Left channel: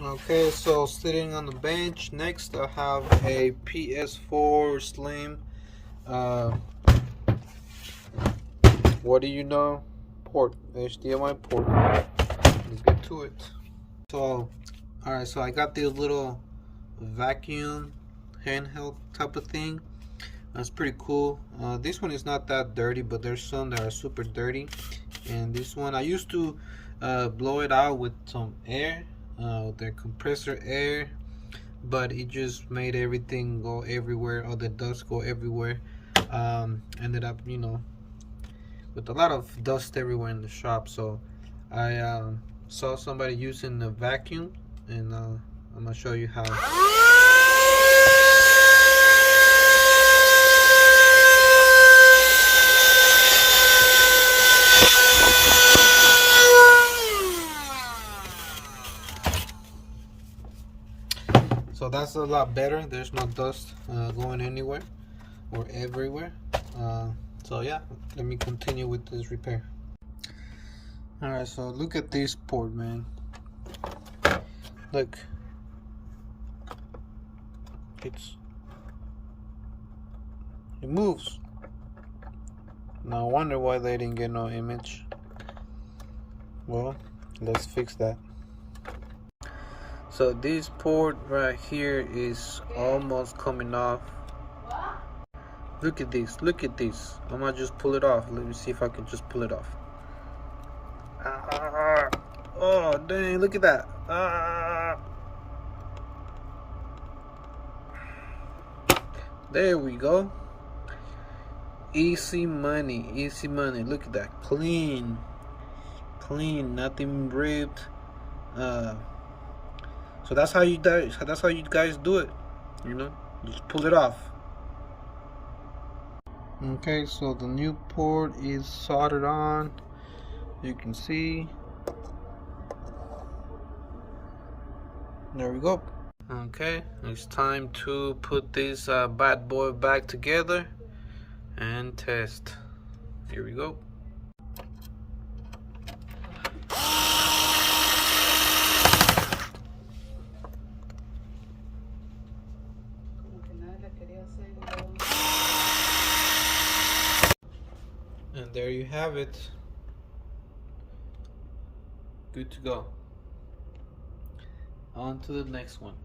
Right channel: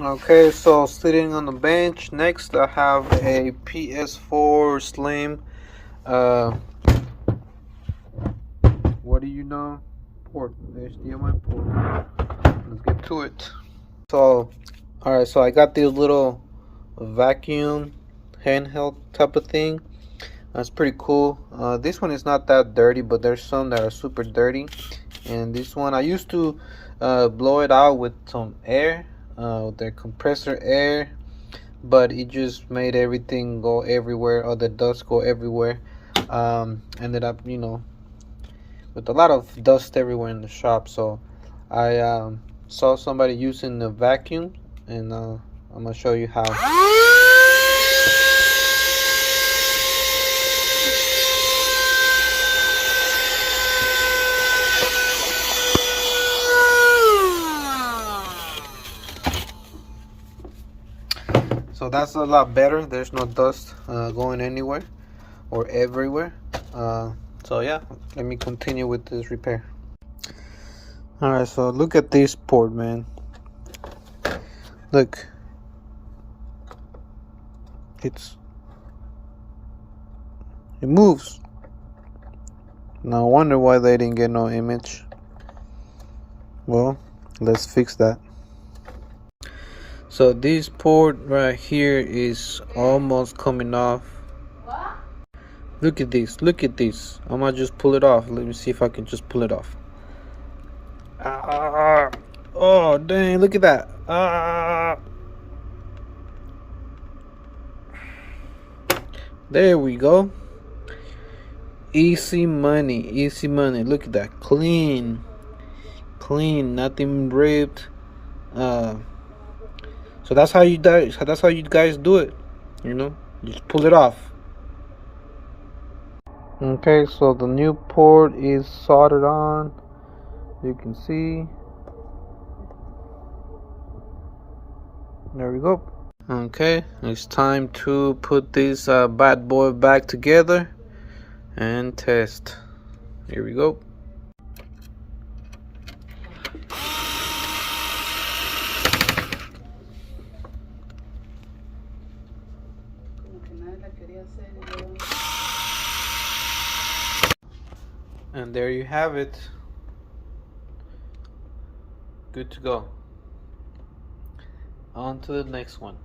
Okay, so sitting on the bench. Next, I have a ps4 Slim. Uh, what do you know? Port, HDMI port. Let's get to it. So, alright, so I got this little vacuum handheld type of thing. That's pretty cool. This one is not that dirty, but there's some that are super dirty. And this one, I used to blow it out with some air, the compressor air, but it just made everything go everywhere, all the dust go everywhere. Ended up, with a lot of dust everywhere in the shop. So I saw somebody using the vacuum, and I'm gonna show you how. So that's a lot better. There's no dust going anywhere or everywhere. So yeah, let me continue with this repair. Alright, so look at this port, man. Look, it moves. No wonder why they didn't get no image. Well, let's fix that. So this port right here is almost coming off. Look at this, look at this. I'm gonna just pull it off. Let me see if I can just pull it off. Oh dang, look at that. There we go. Easy money, easy money. Look at that, clean, nothing ripped. So that's how you guys do it, just pull it off. Okay, so the new port is soldered on, you can see. There we go. Okay, it's time to put this bad boy back together and test. Here we go. And there you have it. Good to go. On to the next one.